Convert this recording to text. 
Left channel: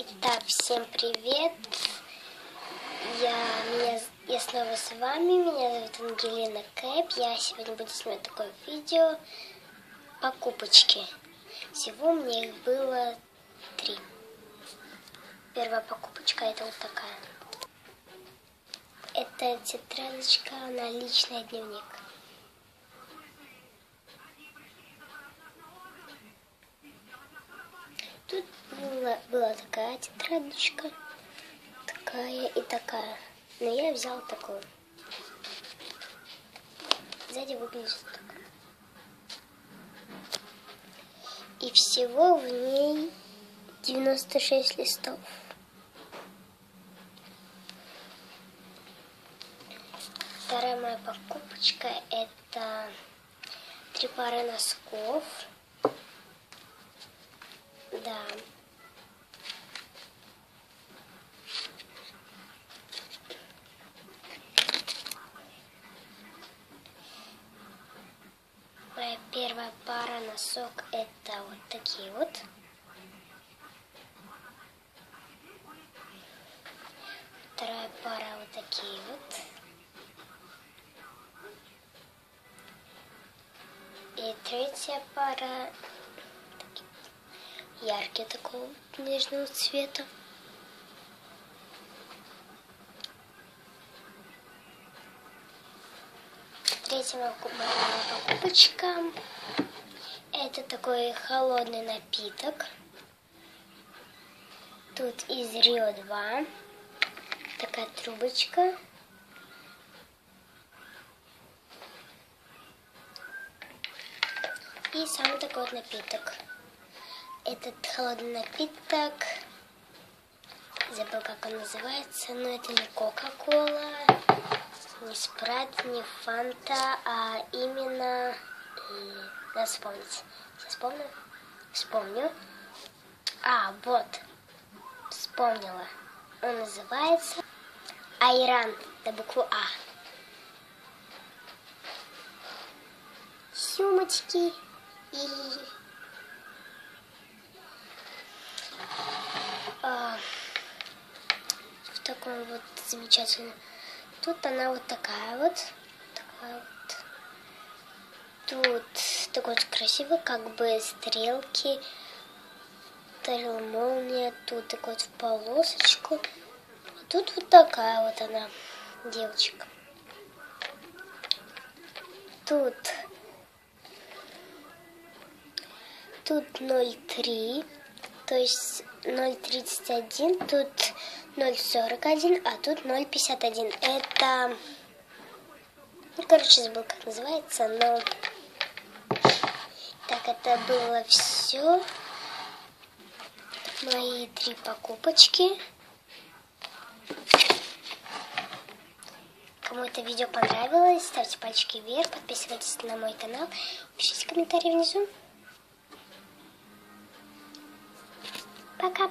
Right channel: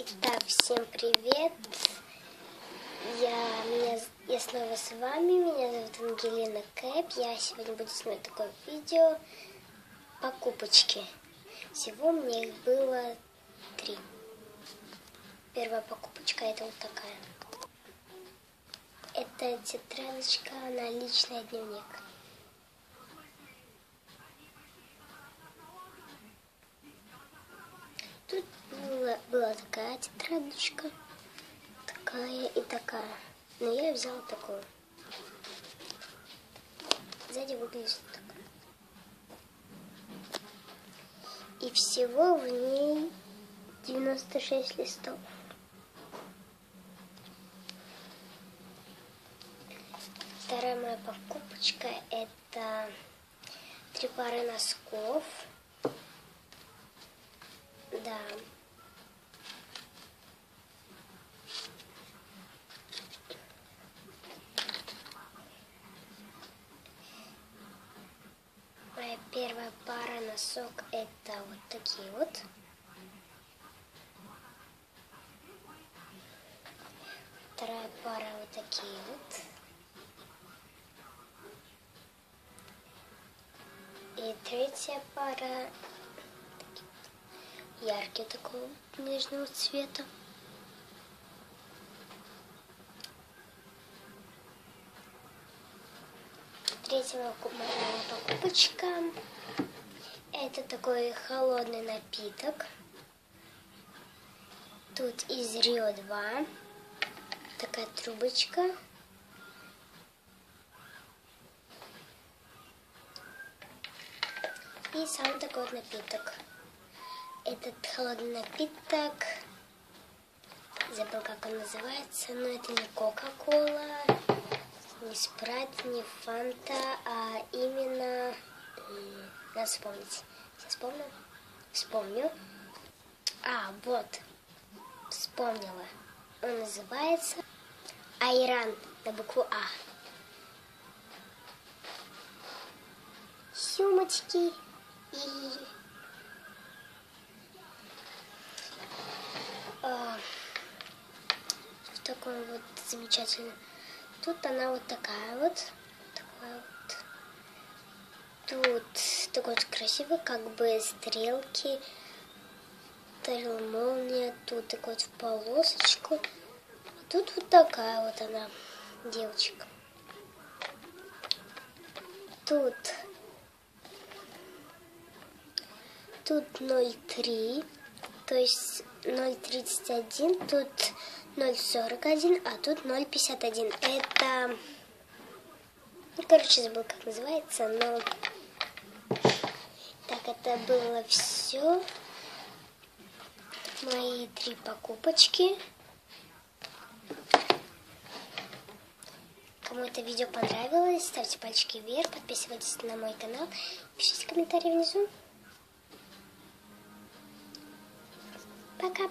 Итак, всем привет! Я снова с вами. Меня зовут Ангелина Кэп. Я сегодня буду снимать такое видео покупочки. Всего мне их было 3. Первая покупочка это вот такая. Это тетрадочка на личный дневник. Тут была такая тетрадочка, такая и такая. Но я взял такую. Сзади выглядит так. И всего в ней 96 листов. Вторая моя покупочка это 3 пары носков. Да. Моя первая пара носок это вот такие вот. Вторая пара вот такие вот. И третья пара яркий такого нежного цвета. Третья моя покупочка это такой холодный напиток. Тут из Рио 2. Такая трубочка. И сам такой вот напиток. Этот холодный напиток, забыл как он называется, но это не Кока-Кола, не Спрайт, не Фанта, а именно, надо вспомнить. Сейчас вспомню. Вот, вспомнила. Он называется Айран на букву А. Сумочки и в таком вот замечательном. Тут она вот такая вот. Тут такой вот красивый, как бы стрелки, молния. Тут такой вот в полосочку. А тут вот такая вот она, девочка. Тут 0,3, то есть 0,31, тут 0,41, а тут 0,51. Это, забыл как называется, но так это было все. Мои 3 покупочки. Кому это видео понравилось, ставьте пальчики вверх, подписывайтесь на мой канал, пишите комментарии внизу. Пока.